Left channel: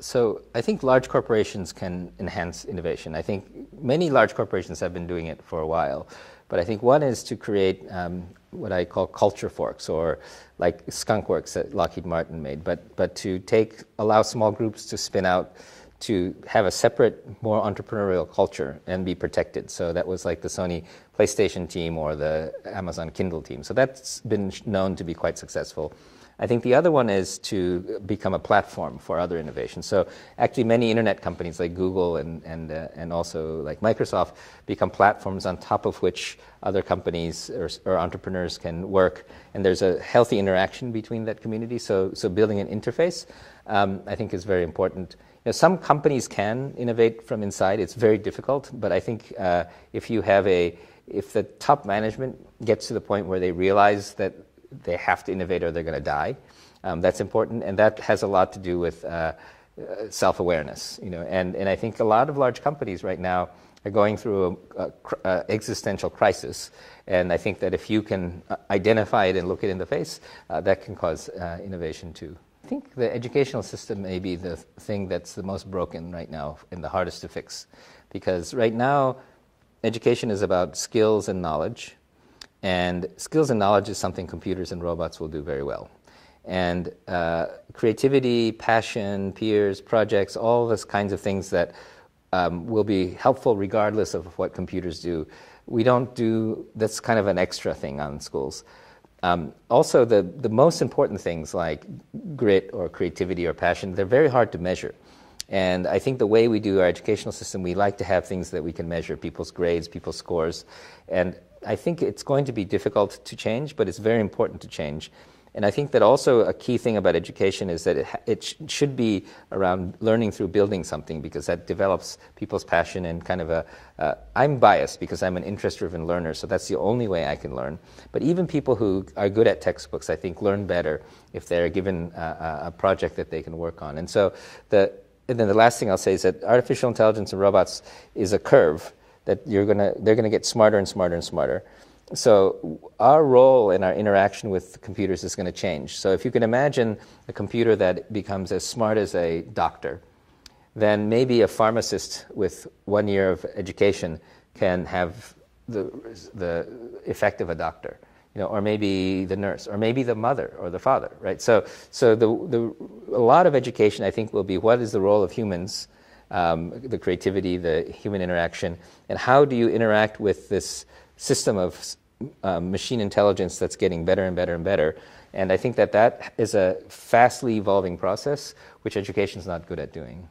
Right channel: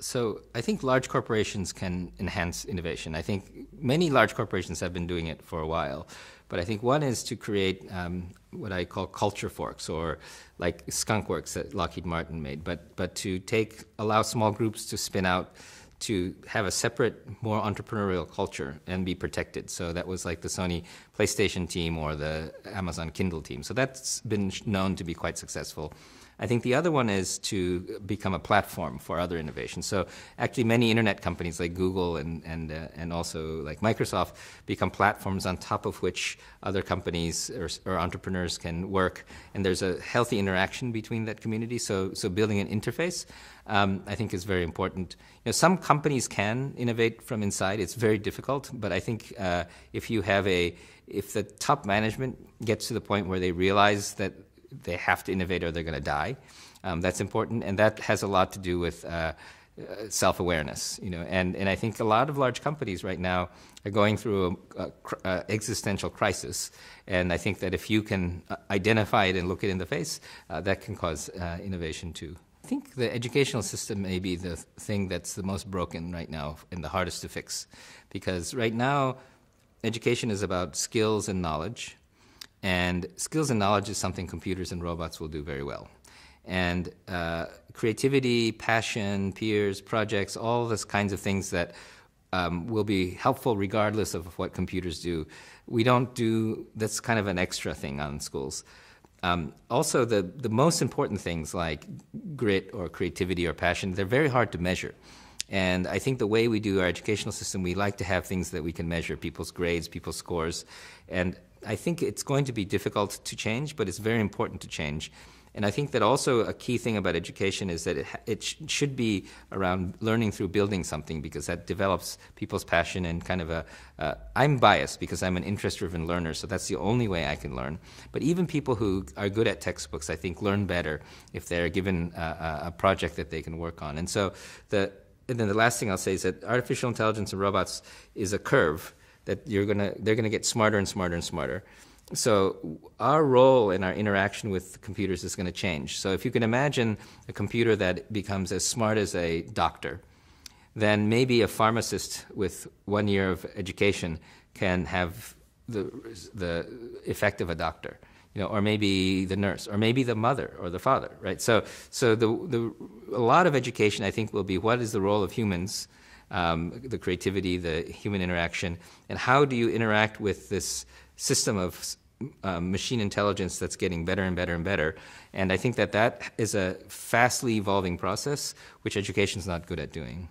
So I think large corporations can enhance innovation. I think many large corporations have been doing it for a while. But I think one is to create what I call culture forks, or like skunk works that Lockheed Martin made, but to allow small groups to spin out, to have a separate, more entrepreneurial culture and be protected. So that was like the Sony PlayStation team or the Amazon Kindle team. So that's been known to be quite successful. I think the other one is to become a platform for other innovations. So actually many internet companies like Google and also like Microsoft become platforms on top of which other companies or entrepreneurs can work. And there's a healthy interaction between that community. So building an interface, I think, is very important. You know, some companies can innovate from inside. It's very difficult, but I think if the top management gets to the point where they realize that they have to innovate or they're going to die, that's important, and that has a lot to do with self-awareness. You know, and I think a lot of large companies right now are going through an existential crisis, and I think that if you can identify it and look it in the face, that can cause innovation too. I think the educational system may be the thing that's the most broken right now and the hardest to fix, because right now education is about skills and knowledge. And skills and knowledge is something computers and robots will do very well. And creativity, passion, peers, projects, all those kinds of things that will be helpful regardless of what computers do. We don't do, that's kind of an extra thing on schools. Also, the most important things like grit or creativity or passion, they're very hard to measure. And I think the way we do our educational system, we like to have things that we can measure, people's grades, people's scores. And I think it's going to be difficult to change, but it's very important to change. And I think that also a key thing about education is that it should be around learning through building something, because that develops people's passion and kind of I'm biased because I'm an interest-driven learner, so that's the only way I can learn. But even people who are good at textbooks, I think, learn better if they're given a project that they can work on. And so and then the last thing I'll say is that artificial intelligence and robots is a curve that they're going to get smarter and smarter and smarter. So our role in our interaction with computers is going to change. So if you can imagine a computer that becomes as smart as a doctor, then maybe a pharmacist with 1 year of education can have the effect of a doctor, you know, or maybe the nurse, or maybe the mother or the father, right? So a lot of education, I think, will be what is the role of humans, the creativity, the human interaction, and how do you interact with this system of machine intelligence that's getting better and better and better. And I think that is a fastly evolving process, which education is not good at doing.